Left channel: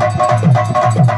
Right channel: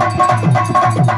ஏ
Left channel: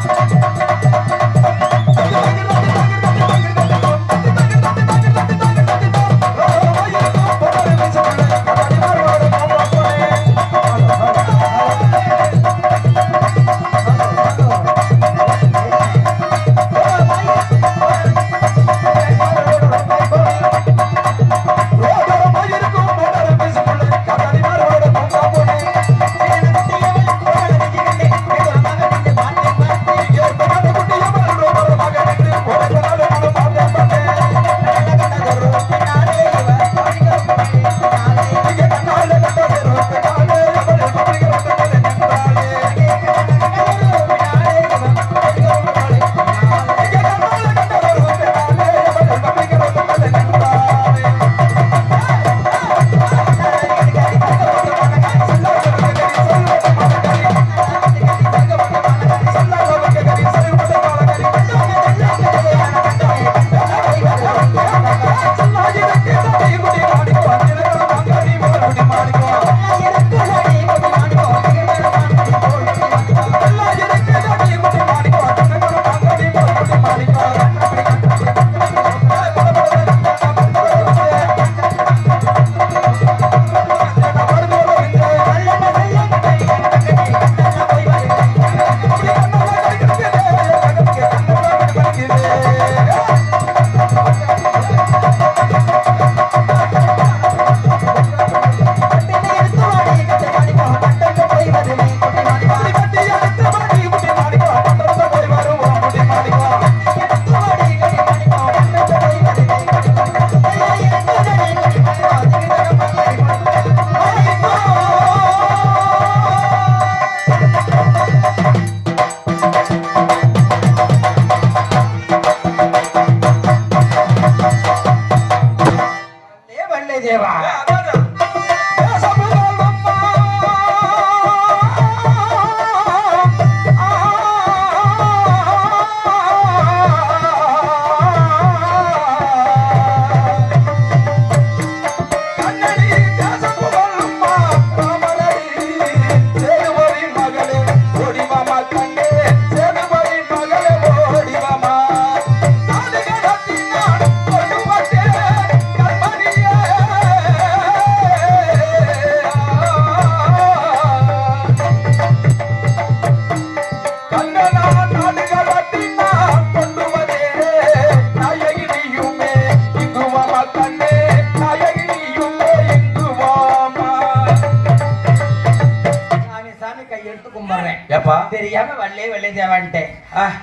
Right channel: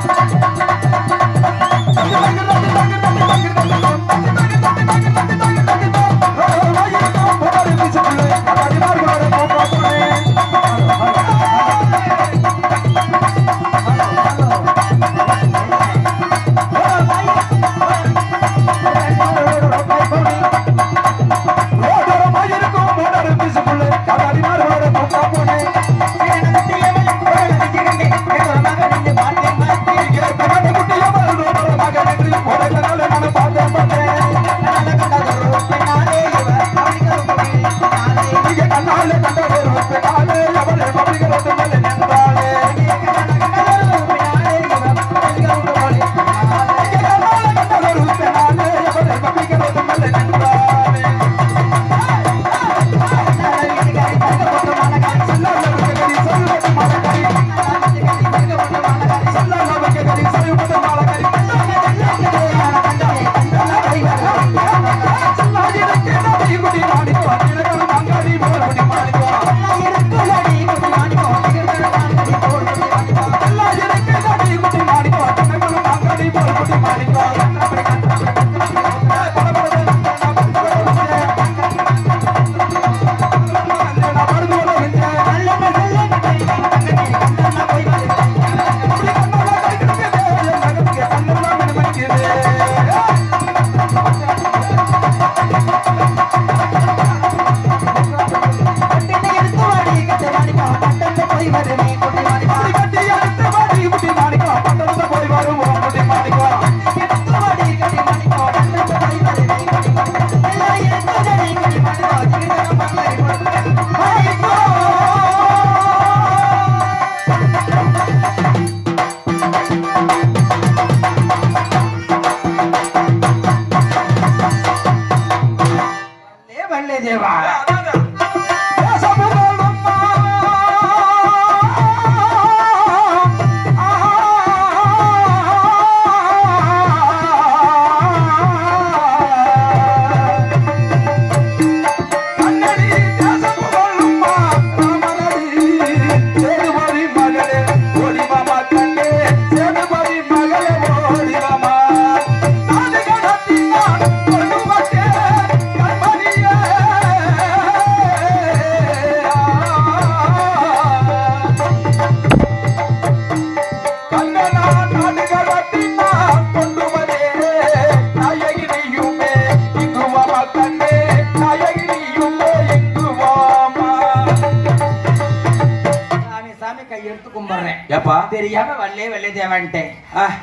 தெரியாம வல்லே வல்லே தேவான்ட்டேன்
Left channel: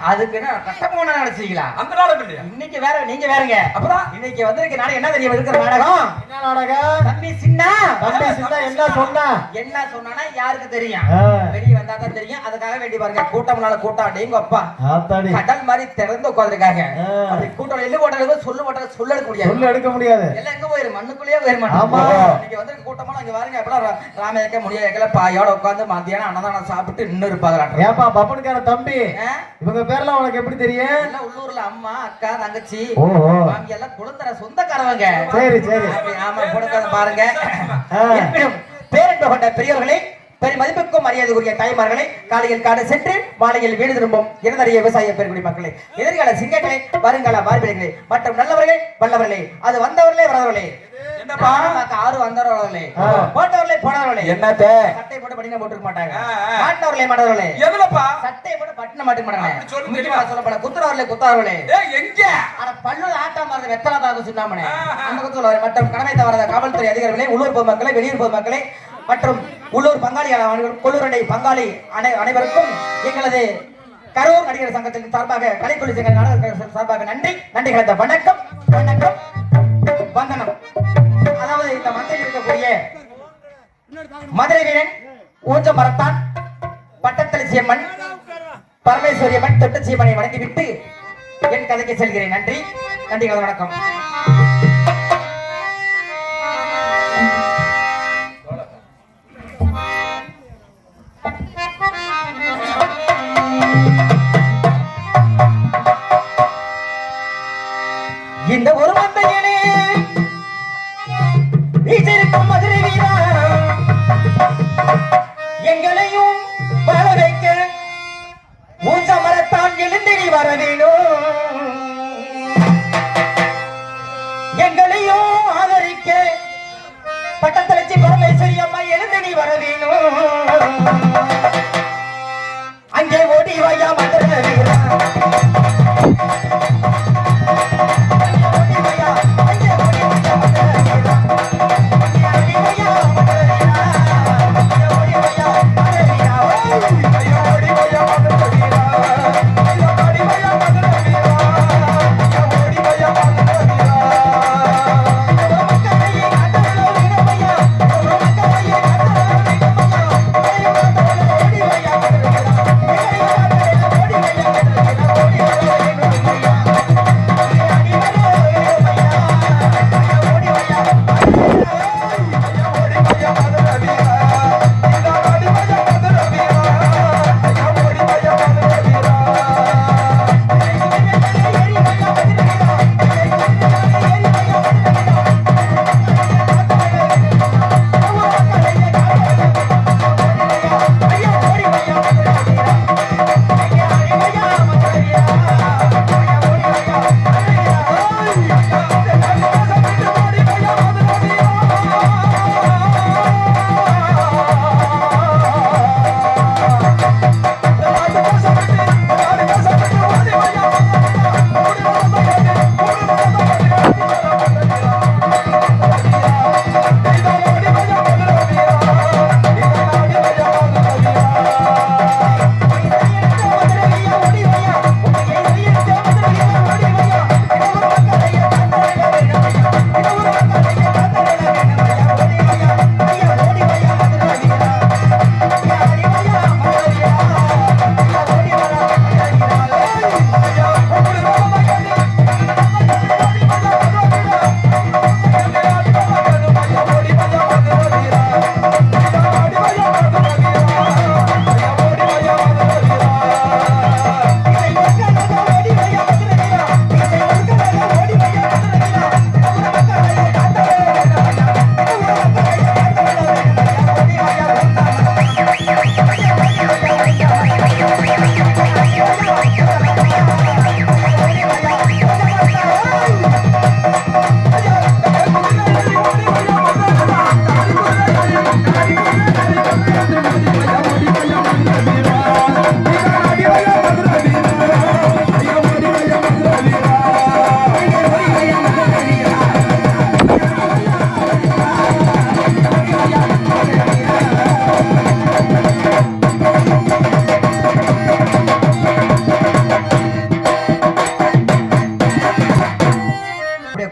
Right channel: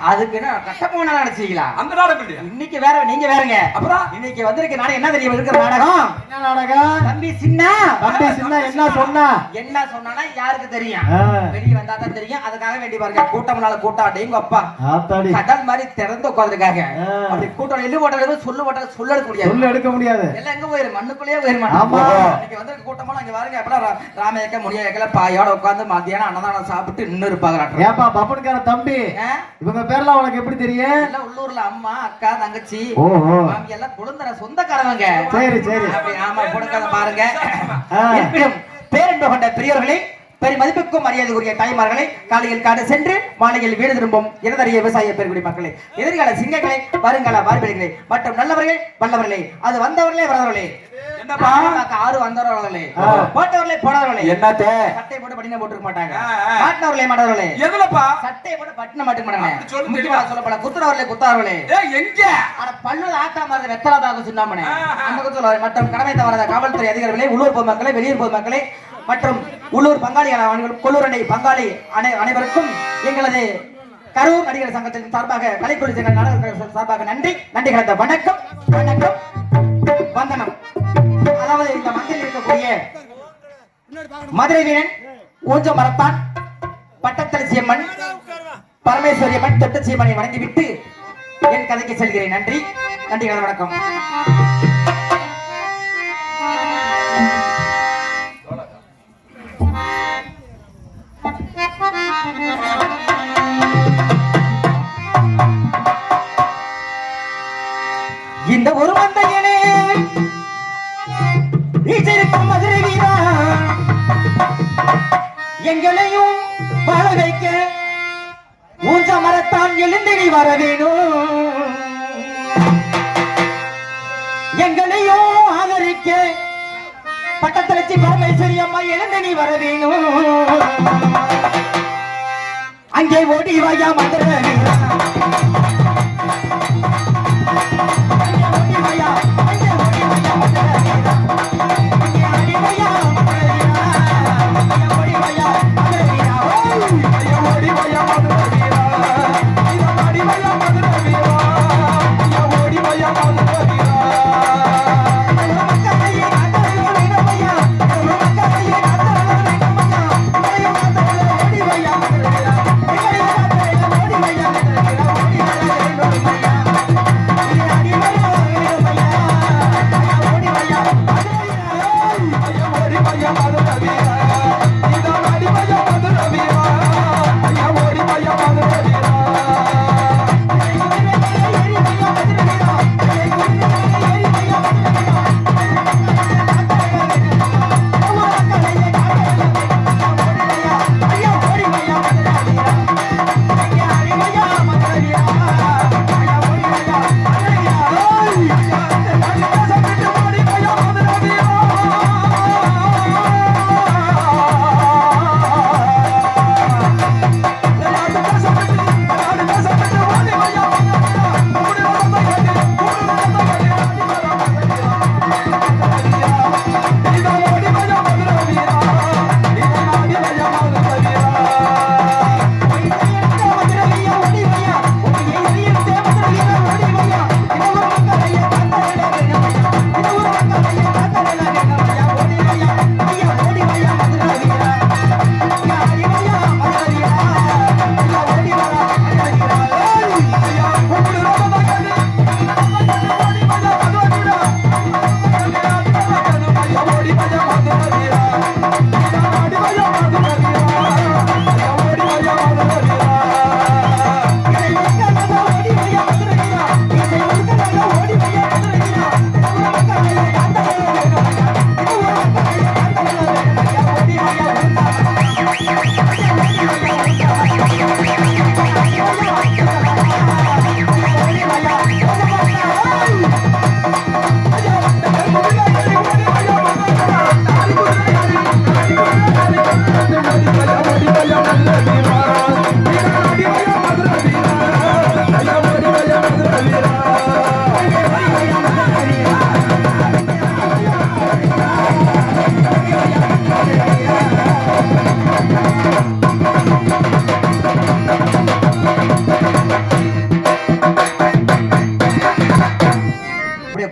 அதுக்கு நான் கட்ட போன நினைச்சீங்களா அந்த நாடகம் இல்லையா இன்னைக்கு வேற நீங்க வேறங்க. அப்புறம்? இன்னைக்கு வந்திருக்க நாடகம் என்ன தெரியும் இருக்கிற நாடகம்? என்ன நாடகம்? தம்பி சின்ன. தம்பி சின்ன என்ன சொன்னா? என்ன சொன்னா யாருக்கு தெரியும். வெளிய வந்தா தான் தெரியும். அதுக்காக வேண்டி பாருங்க கூட்டம்னால அப்பா கடல் மாதிரி திறந்து உட்காந்துருக்காங்க. அப்படி கூட்டம் நின்று போட்டாலும் சொல்லு போட்டா சொல்ல முடியாது. உள்ள எடுக்க முடியாது. எல்லாம் எங்க போயிரு? மண்ணுக்குள்ளேயே போயிரு ஆமா. இன்னைக்கு வந்து கூட்டமா அங்க பாருங்க அப்பலாம் ரா- ராமயக்க பாயோட உட்கார்ந்து மத்தியானம் அன்னதானம் சாப்பிட்டு இன்னும் இருப்பாங்க ஏப்பா பப்பனுக்கார தம்பி? இவங்க பேர்லாம் உனக்கு எப்படி தெரியும்? உள்ளூர்ல அம்மா அக்கா தங்கச்சி. மாமி எல்லாம் குழந்தை சொந்தக்காரவங்க. சரி சரி. ஆமா கொடுக்கறத பாருங்க. இருப்பினும் பேரன்பு கொண்ட பெரியவர்களே பெரிய மதிப்புக்கும் மரியாதைக்குரிய தாய்மார்களே காலையில் காடு சென்று மாலையில் வீடு திரும்பும் இடதறிய விவசாய பெருங்குடி மக்களே. எதிர்கால சிங்கங்களே வருங்கால பார்வைகளே மற்றும் நல்லவர்களே வல்லவர்களே அது வந்தவர்களே வரவர்களே ஆறு வந்தவர்களே. போட்டவர்களே என்னத்த? சட்டை போட்டு படிக்க போட்டுக்க மாட்டாங்க. மாட்டினவர்களே மாட்டவர்களே எதுலப்பா? சட்டையை போட்டு பட்டின மாட்டுக்க மாட்டாங்க. சொல்லப்பட குத்துறவர்களே குத்தாரவர்களே ஏய் எங்க? ஆனா பல்லு ஆட்டா மாதிரி வெத்தலாதாக சொன்னாமனே. அந்த குத்துல மற்றும் கடமை தவறாத காவல்துறை அதிகாரிகளே உள்ளூர் பொதுமக்களே வெளியூர் பொதுமக்களே மற்றும் உள்ளூர் பங்காளி அனைவரும் கொள்ளூரணி பங்காளி அனைவருக்கும் எங்களது கரூர் நடிகர் சங்கத்தின் சார்பாக கலைக்குழு சங்க சார்பாக நன்றி. நன்றி கலந்த வணக்கம். வணக்கம். வந்தனம். அதாவது இந்த மத்தியில் இருக்கக்கூடிய மதுரை வீரன் ஊஞ்ச மரத்தான் பட்டத்தரசியம்மன் பரமேஸ்வரியம்மன் பரமேஸ்வரி வணங்கிவிட்டு என் கதைக்கு செல்கிறேன். நன்றி. நன்றி கலந்த வணக்கம். மீனாட்சி பரமேஸ்வரி அம்மா எழுந்து நீ வர வேணும். அங்கே ஓடி வாயா மந்திர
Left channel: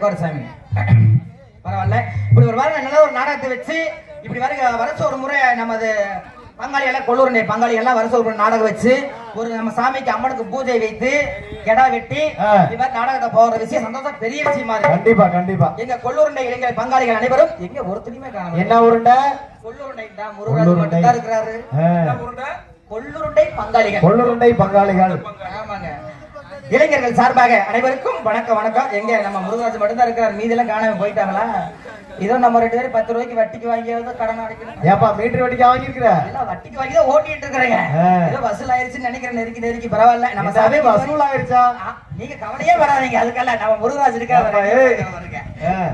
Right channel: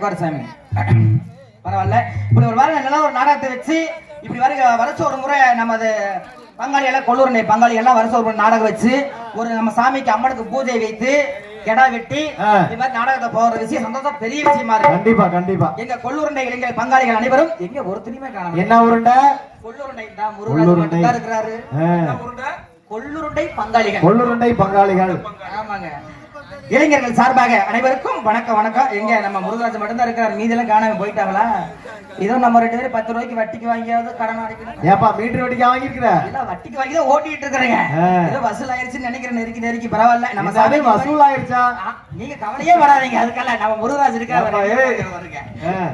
உட்காரு சாமி. பரவாயில்ல. இப்படி ஒரு வாரம் நல்ல ஒரு நாடகத்தை வச்சு இப்படி வர வருஷ ஒரு முறை நமது பங்காளி எல்லாம் கொள்ளூர் பங்காளி எல்லாம் வருஷம் ஒரு முறை நாடகம் வச்சு ஒரு நம்ம சாமிக்கு அம்மனுக்கு பூஜை வைத்து கெடா வெட்டி. இது மாதிரி நாடகத்தை போகிற விஷயம் சந்தோஷம் பெரிய விஷயமா இருக்கு. கண்டிப்பா கண்டிப்பா. எங்க கொள்ளூருண்டை இளைஞர் பங்காளிகள் அனைவரும் எங்க ஒருத்தனையுமே காணோம் என்ன உருண்டை கொள்ளூருண்டை தான் முருகராஜ். மட்டும் தான் இருக்கிறாரு? கொள்ளூருண்டை பங்காளிகள். கொள்ளுருண்டை பங்காளிகள். ஆமாங்க. இளைஞர்கள் சார்பாக அனைவருக்கும் வணக்கம் வணக்கம். எங்க நம்ம முருகராஜ் மட்டும்தான் இருக்கிறார். மீதெல்லாம் காணாம போயிட்டாங்களா? இதோ நம்ம ரெண்டு பேரும் பத்து ரூபாய்க்கு வட்டிக்கு வாங்கியாவது கடன் அடைக்கணும். ஏப்பா மீட்டர் வெடிக்க வாங்கியிருக்கிற? எல்லாம் வட்டிக்கு வாங்கி தான் ஓட்டிட்டு இருக்கிறேங்க. ஏதோ வசூல் ஆயிருச்சுன்னு நினைக்கிறேன். நெருக்கி நெருக்கி. பரவாயில்ல. நம்ம சாமி வசூல் ஆயிடுச்சா நீங்க கவலையே படாதீங்க. அதுக்கெல்லாம் நம்ம முருகராஜ் இருக்கா.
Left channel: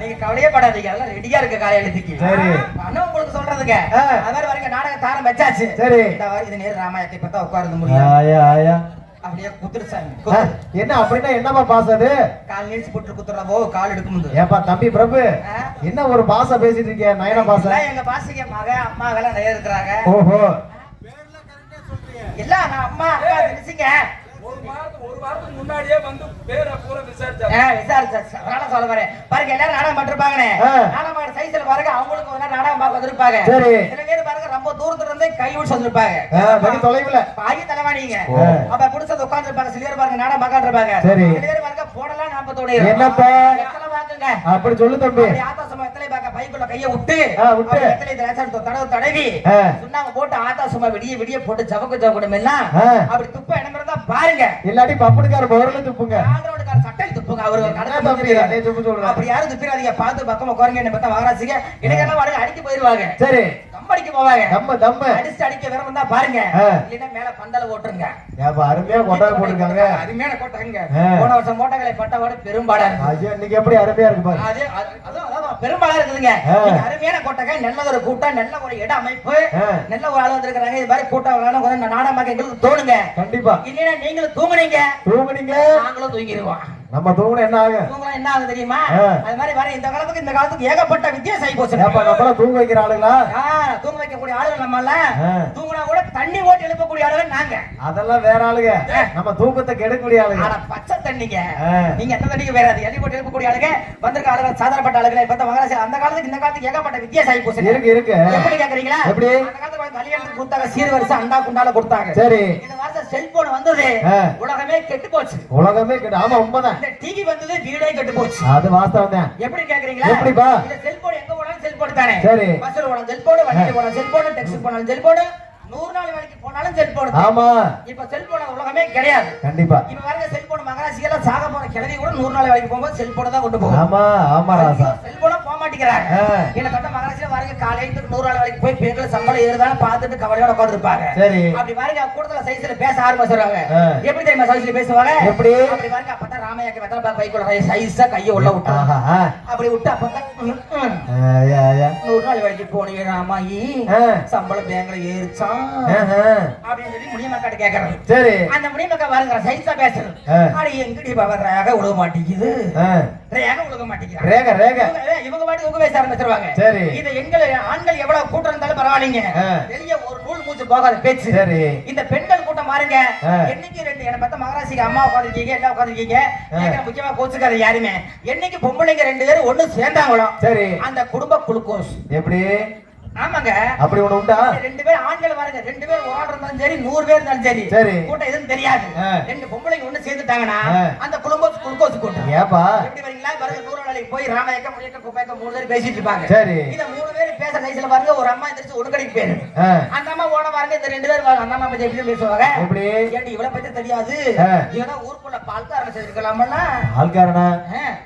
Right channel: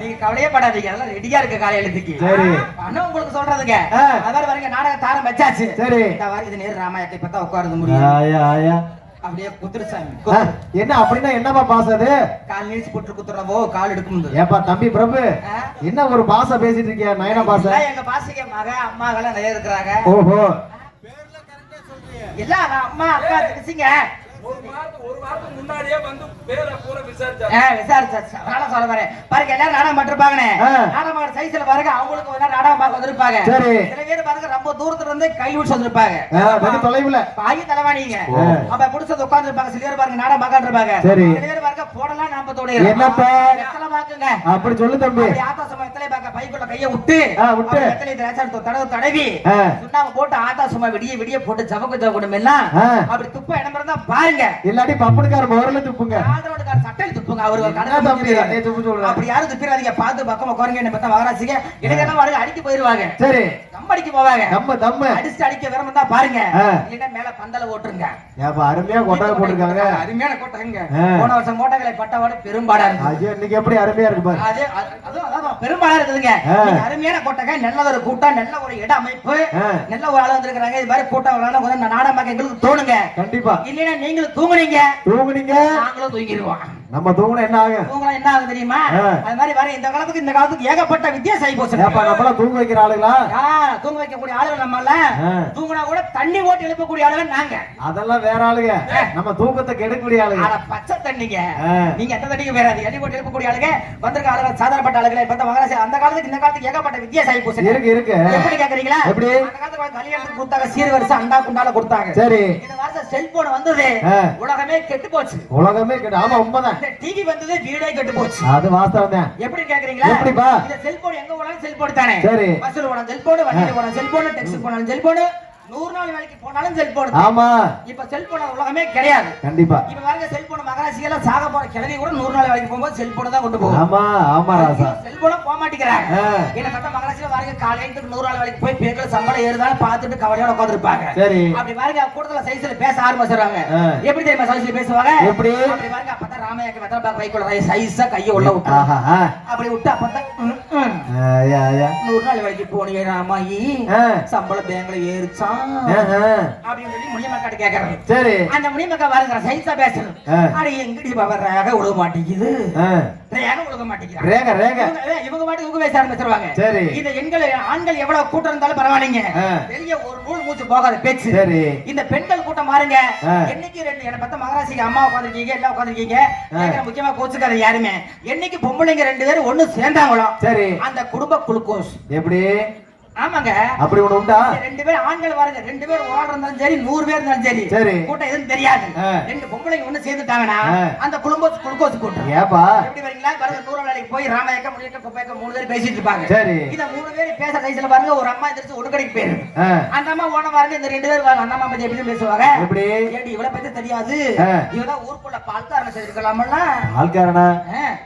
நீங்க கவலையே படாதீங்க. அதெல்லாம் ரெடியா இருக்கு காலையிலத்துக்கு சரி. அண்ணா உங்களுக்கு சொல்றதுங்க. அது மாதிரி பாருங்க நாடக தாரம் வச்சாச்சு. சரி. இது நேரு ராமாயணத்தை பார்த்தா உட்கார்ந்து முடியும் அப்படியே குத்துரு சாமி என்ன அப்படின்னா என்னப்பா பாசம் அது? கால் நீச்சு குட்டு குத்துறதோ கால் எடுக்கும் ஏப்பா தம்பி பிரபு என்ன ஒரு பாச பேசிட்டு இருக்கிய நயன பாச எங்க பாசிங்க மக அம்மா எல்லாம் நிறைய இருக்கிறாங்க. ஓஹோ. எல்லாம் நான் அம்மா அக்கா ஒரு வாரத்துக்கு ஒரு வாரத்துக்கு முன்னாடியே வந்து பேரை பூரா விசாரிச்சாரு விசாரிச்சாச்சு. அதனால சொல்ல வரேன். பாருங்க எல்லாரும் நாடகம் பட்டிருப்பாங்க ஆ. நாடகம் சைஸ்ல பாருங்க அவங்களுக்கு நாடகம் பார்க்க வந்திருப்பாங்க. சரி. சில பேர் பாருங்க ரொம்ப தூரத்துல இருந்து கை பிடிச்சு வந்திருப்பாங்க வெகு தொலைவுல. அப்ப பிடிச்சது உட்கார்ந்து இருப்பாங்க சில பேர் பாருங்க நாடகம் பார்க்க இருப்பாங்க சரி. பாருங்க போடலாம்? எத்தனை வாக்குங்க? அப்படி சொல்லு தம்பி. சும்மா எத்தனை பைக்குள்ள கைய விட்டு விட்டு. எத்தனை திராட்சை தடவு போட்டு விடிய விடிய போட்டு ஜபக்கு ஜபக்கணும் எல்லாம் ஆ. அப்படி துப்ப இடம் இருந்தா பாருங்க. இல்லாட்டி பப்பனுக்கார முதல்ல துப்புங்க. சட்டையில் துப்புங்க. அவரு என்ன சொல்றேன். அப்படி யாரும் துப்பிடாதீங்க. பார்த்து பக்கமா குறைங்க பார்த்தா வாராசிங்க. இளைஞர்கள் வாடகை அடிக்க போயிருவாங்க. சரி. அடிக்க போவாங்க நம்ம தம்ம அடிச்சு அடிக்க விரும்பம் தான் பாருங்க. இல்லைன்னா மேல பந்தல ஓட்டுருங்க. அருமையா போட்டிருக்காங்க. அருமையான கோட்டைங்க. போன வருஷம் கோட்டைகளை பட்டவாடு பெரும்பாடா இருக்கு. இன்னைக்கு எப்படி அருமையா இருக்கு அது அதுவும் அதான் பெரும்பாடா இருக்குதுங்க. அருமையான கோட்டை நல்ல ஒரு கூட்டம் நல்ல ஒரு இட அமைப்பு. நல்ல ஒரு ஆள் வந்திருக்கிறாங்க. இது மாதிரி கூட்டம் நாடகம் பார்க்க எங்களுக்கு தோணுங்க. கண்டிப்பா. இல்லைன்னா நீங்களும் தூங்குனீங்க. தூங்குனீங்க. நாங்களும் தூங்கிடுவோம் நம்ம தூங்குனா என்ன ஆகும் தூங்கினா என்ன ஆகும் தெரியுமா. அது மாதிரி வர இந்த காலத்துக்கு இந்த காலத்துக்கு ஏகப்பட்ட வித்தியாசம் ஆகி போச்சு. ஏப்பா நம்மளாம் தூங்க வைக்கிற ஆளுங்களா தூங்க வைக்கக்கூடிய ஆளுகள் நம்மள. தூங்கினா கூட தண்ணி ஓட்டி எழுப்பக்கூடிய ஆளுகள் நாங்க. அதெல்லாம் வேற ஆளுங்க நம்ம தூக்கத்தை கெடுக்கக்கூடிய ஆளுங்க ஆனா பச்சை தண்ணிங்க. நீங்க எந்த தண்ணிக்கு வேற அது? எண்ணி போட்டு எழுப்பக்கூடிய ஆளுங்க வந்திருக்க ஆளுங்க சாதாரணப்பட்ட ஆளுங்க இப்ப மகாராஜா அந்த காலத்துக்கு இந்த காலத்துக்கு ஏகப்பட்ட வித்தியாசம் ஆகி போச்சு. இருக்கு இருக்கு. எப்படி கேக்குறீங்களா? எப்படி? அந்த காலத்துல கல்யாணத்துக்கு கொடுத்தாங்க. சீர்வரிசை அண்டா குண்டால கொடுத்தாங்க. சரி. செல்போன் வந்தது. உலகமே கெட்டு போச்சு உலகமே கெடு ஆமா உண்மைதான். டிவி வந்தது வீடே கெட்டு போச்சு அது வாஸ்தவம் தான். எப்படி கேக்குறீங்களா? எப்படிப்பா? இந்த செல்போன் எங்க போனாலும் செல்போன் தானே? சரி. பஸ்ல போனாலும் செல்போன் வண்டியில போனாலும் செல்போன் டெக்ஸி போனாலும் செல்போன் நூறு நாள் வேலைக்கு போனாலும் செல்போன் ஆமா. இப்ப செல்போன் உலகமே கிடையாது. கண்டிப்பா. இப்ப பாருங்க செல்போன் மகாராசியில சாக போற கிழவி கூட நூறு நாள் வேலைக்கு போகும்போது செல்போனை தான் கொண்டு போகும். ஆமா ஆமா செல்போன போக மாட்டேங்கிறாங்க ஆ. கிட்டத்தட்ட மகாராசியில பாருங்க காலையில நூறு நாள் வேலைக்கு போய் பெண்கள் சம்பளம் ஏறுதான்னு பார்த்துட்டு கவலையோட உட்காந்துருப்பாங்க சரி அப்படி பாருங்க கூட்டத்துல சைஸ்ல பேச ஆரம்பிச்சிடுறாங்க. எப்படி தெரியுமா சைஸ்ல பேசுவாங்க எப்படி? அப்படி அப்பதான் ராமையாக்கு வெத்தலை பைக்குள்ள சைஸா கையை உள்ள விட்டு. அப்படி விட்டு அப்பதான். நூறு நாள் வேலைக்கு போனீங்க ஆ. சம்பளம் பேங்க்ல ஏறிச்சான். அப்படின்னு சொல்லி முனிமக்காட்ட கேக்குறாங்க சரி அந்த சைஸா. அடி எங்கடி பாபா ரேக விட மாட்டேங்குது. ரேக விட ரேக ரேக இவங்க பாட்டு இவங்க பேச ஆரம்பிச்சிருவாங்க சரி. இது எண்கள் ஆண்கள் எவ்வளவு கூட்டம் இருந்தாலும் பரவாயில்லைங்க. வெளிய ஒரு நூல் மூச்சு போகாத பேச்சு சரி இந்த பெண்கள் கூட்டம் ஆ. என்னைக்கு ரெண்டு என்ன பார்த்தா மகாராசிக்கு அம்மா உட்காந்துருக்கீங்க எல்லாம் உட்காந்துருக்கீங்க. முக்கியமா கோச்சுக்காத யாருமே என்னைக்கு பொம்பளைங்க ரெண்டு பேரும் ஒண்ணு சேர்ந்தாங்களோ சரி. அந்த குடும்ப குளுக்கோஸ் எப்படி? ஆமாங்க. அப்படி ஒண்ணு உண்டா? ரெண்டு பேரும் ஆண்கள் பாருங்க ரெண்டு பேர் ஒரு ஆள் இருந்தாலும் சரி நூறு பேர் இருந்தாலும் சரி. சரி. கூட்டம் எதுவும் தெரியாது. ரெண்டு பொம்பளைங்க ஒண்ணு சேர்ந்துட்டாங்கன்னா. அந்த குடும்பம் குளுக்கோஸ் கூட்டம். ஏப்பா? எப்படி வரீங்களா? பாருங்க தூர நாளைக்கு போய் ராமாயக்கம் முனியக்கம் குப்பைக்கம் மூணு பேர் பேசிட்டு இருப்பாங்க. சரி. இந்த மூணு பேர் பேச சைஸ்ல பாருங்க ஒரு அம்மா எந்திரிச்சு ஒரு கடைக்கு பேரு. அந்த அம்மா பாருங்க இந்த ரெண்டு பேர் பாருங்க அந்த அம்மா பத்தி எப்படி பேசுவாங்க எப்படி ஏடி இவளை பத்தி தெரியாது. இவதான் ஊருக்குள்ள பால்காரங்க செய்திருக்கலாம்ல ஆள்காரனா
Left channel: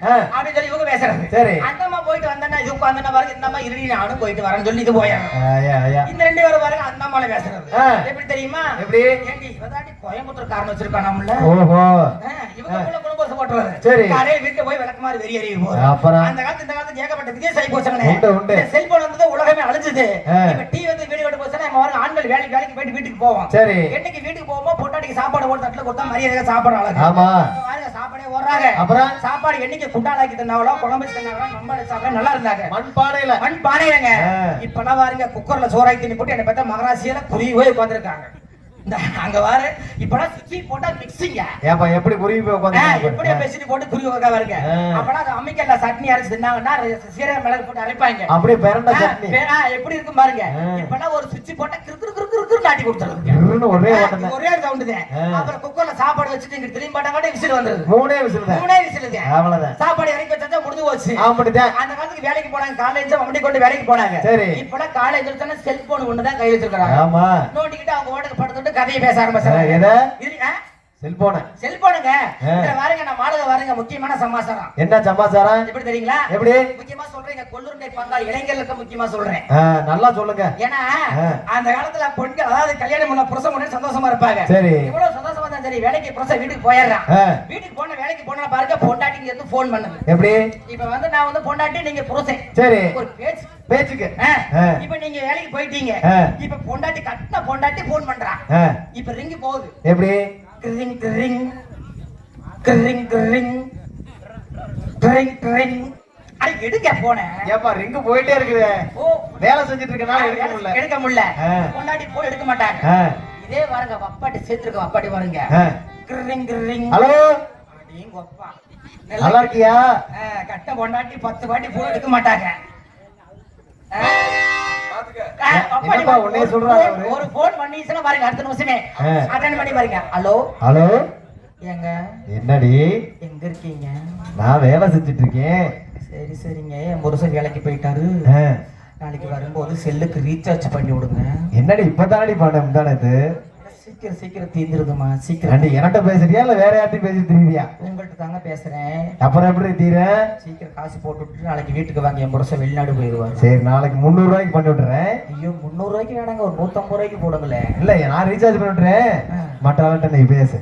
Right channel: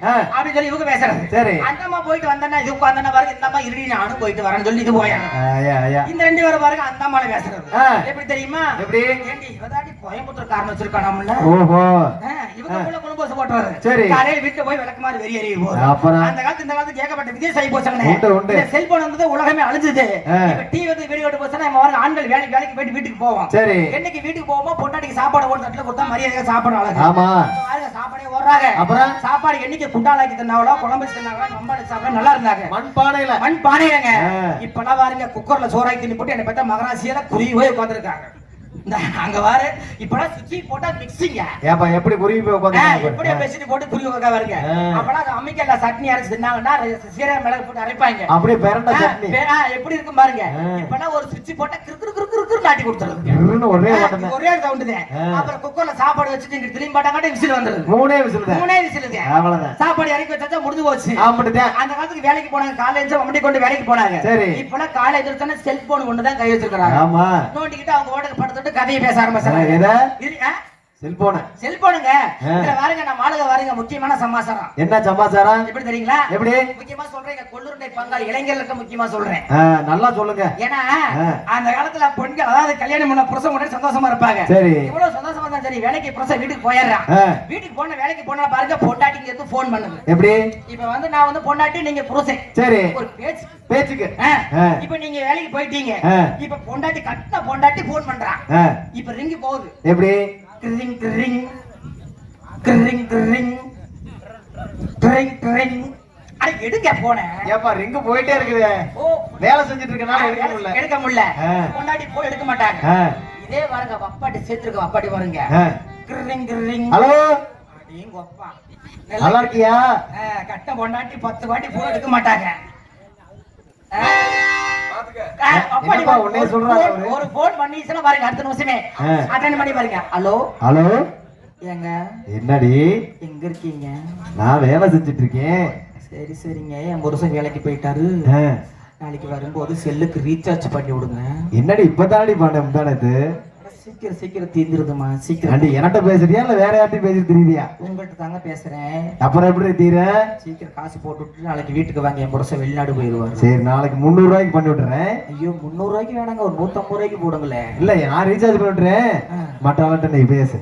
ஆ. அப்படின்னு சொல்லி இவங்க பேசுறது சரி. அந்த அம்மா போயிட்டு வந்தா இது உட்காந்தா பாருங்க இந்த அம்மா இருடி நானும் போயிட்டு வரேன்னு சொல்லி இது போயாங்க ஆயா, ஆயா. இந்த ரெண்டு பேரும் பாருங்க அந்த அம்மால பேசுறது. எப்படி தெரியுமா எப்படி? ஏண்டி இவதாண்டி கோயம்புத்தூர் காரணம் வச்சிருக்கா நம்மள ஓஹோ சரி. காலையில வீட்டுல போய் எறிய போகுது அப்புறம் அந்த காலத்து இந்த ஆகி போச்சுங்களே. உண்டு, உண்டு. இந்த செல்போன் வந்தது உலகமே அழிஞ்சது. இப்ப டிவி வந்து வீடு விட்டு போச்சுன்னா நம்ம ஆண்கள் வேலைக்கு வேலைக்கு போயிட்டு வீட்டுக்கு போவோம். சரி. என்னைக்கு வீட்டுக்கு போகும்போது பொட்டாட்டிக்கு சாப்பாடு ஒரு தட்டுல கொடுத்தா மரியாதையா சாப்பாடு அழகு ஆமா. சாப்பாடே ஓடுறாங்க அப்புறம்? சாப்பாடு என்னைக்கு குண்டாலாக்கி தந்தாங்களோ குழம்பு மம்பாடு சாப்பிட நல்லா இருந்தாங்க மண் பானையில மண் பானையங்க ஆ. இப்பெல்லாம் பாருங்க குக்கர்ல சோறாக்கி போட்டு என்ன பார்த்தா மகராசியில குருவி உட்காந்துருக்காங்க அங்க வாரு. இப்பெல்லாம் சுச்சி போட்டா மிக்சிங்க ஏப்பா எப்படி குருவி போய் எப்படி உட்காந்து பேசிட்டு போட்டு துணி வைக்க வருங்க ஆ. அப்பெல்லாம் அம்மிக்கல்ல சட்னி அரைச்சு தின்னாங்கன்னா சீரக மிளகு போட்டு அரைப்பாங்க. அப்படியே பிறண்ட ஆ, சட்னி. பேரா, எப்படி இருக்கும் பாருங்க. ஆ. இப்பெல்லாம் ஒரு சுவிட்ச் போட்டா கிறு கொடுத்துருது ஒரே ஒரே. அப்புறம் குக்கர்ல சாப்பாடு வச்சுட்டு இங்க திரும்பி பாட்டாங்க விசில் வந்துருது மூணே விசில் மூணே அவ்வளவுதான். சாப்பாடு இறக்கி வச்சா முடிஞ்சு போச்சு. ஆமாட்டுதே அந்த காலத்துக்கு வேலைக்கு போனாங்க. காலேஜ் வண்டி கொண்டு வேலைக்கு போனாங்க. சரி. இப்பெல்லாம் காலேஜ் எடுத்தானே செல்போன் ஒண்ணுதான் கை வச்சிருக்காங்க ஆமா. நோண்டிக்கிட்டு அவங்க ஓட படுத்துட்டு கதையை பேச ஆரம்பிச்சாங்க. செல்போன. செல்போனுங்க. பாருங்க நான் மாளுக பாருங்க முக்கியமான சமாச்சாரம் என்ன சமாச்சாரம் எப்படி தெரியுங்களா எப்படி? முக்கியமா சொல்றேன் எங்க கொள்ளுருண்டை பங்காளி இளைஞர்களுக்கு முக்கியமா சொல்றேன். நல்லா சொல்லுங்க. ஏன்னா. அந்த காலத்துல பெண்கள் அதாவது கல்யாணம் பண்ண புருஷன் உடனே சந்தோஷமா இருப்பாங்க. சரி. எவ்வளவு சந்தோஷமா இருந்தா சரி வேலைக்கு புருஷன் வீட்டுக்கு போயிடுறான். வீட்டுக்கு போன வேலைக்கு போனா பாருங்க பொண்டாட்டிக்கு எடுத்து போன் பண்ணுது? எப்படி? இப்ப வந்து நான் வந்து பொண்டாட்டி நீங்க புருஷன். சரி. ஒரு பேச்சு. பேச்சுக்கு. ஆ, ஆ. இப்ப நீங்க வேலைக்கு போயிட்டீங்க. இப்ப பொண்டாட்டி கட்டின பொண்டாட்டி போன் பண்றா. ஆ, இப்ப ரிங்கு போகுது. எப்படி? கிரிங் கிரிங் கிரிங் கிரிங் கிரிங் கிரிங் அட எடுக்க போனேன் ஏப்பா ரிங்கு போயிட்டே இருக்குது. வேலை செஞ்சுட்டு இருக்கனால எடுக்கணும்ல எடுக்க முடியல. பொண்டாட்டி போன் எடுக்க மாட்டாங்க. இதே பாருங்க வப்பாட்டி சேர்த்துருக்க வப்பாட்டி பாருங்க. கிரிங் கிரிங் ஹலோ? எங்க அப்பா. நல்லா இருக்கியா? கட்ட பொண்டாட்டி பத்து வாட்டி போன் எடுக்க மாட்டாங்க. பாருங்க. உன்னைய சொல்றாரு ஒரு அவரு? ஒரு போன் பண்ணிச்சுன்னா பாருங்க அடுத்த நிமிஷமே. அட்டன் பண்ணி பாருங்க. Hello hello? ஏங்க? என்னடி? எங்க இருக்கீங்க? நான் வேலை செஞ்சுட்டு இருக்கேன் சரி சரிங்க. என் புருஷன் வேலைக்கு போயிட்டாரு. நாளைக்கு வரும்போது செல்லுக்கு ரீசார்ஜ் பண்ணி விடுங்க. என்னடி இப்பதானடி பண்ண முந்தானது சீக்கிரம் சீக்கிரம் தீந்துருதுமா சீக்கிரம். என்கிட்ட பேசுறியா இல்ல வேற யார்ட்டையும் பேசி தெரியுதியா உங்கள்கிட்ட தாங்க பேசுறேன். அப்புறம் எப்படி தீர? சீக்கிரம் காசு போட்டுட்டு நாளைக்கு வீட்டுக்கு வாங்க என் புருஷன் வெளிநாடு போயிருவாங்க சரி நாளைக்கு முந்நூறு ரூபாய்க்கு பண்ணி விட்டுறேன். ஐயோ முந்நூறு ரூபாய்க்கு வேணாங்க ஒரு நூத்தம்பது ரூபாய்க்கு போடுங்களேன். இல்ல நான் ரீசார்ஜ் பண்ணி விட்டுறேன். மற்றவன்ட்ட நீ பேசு.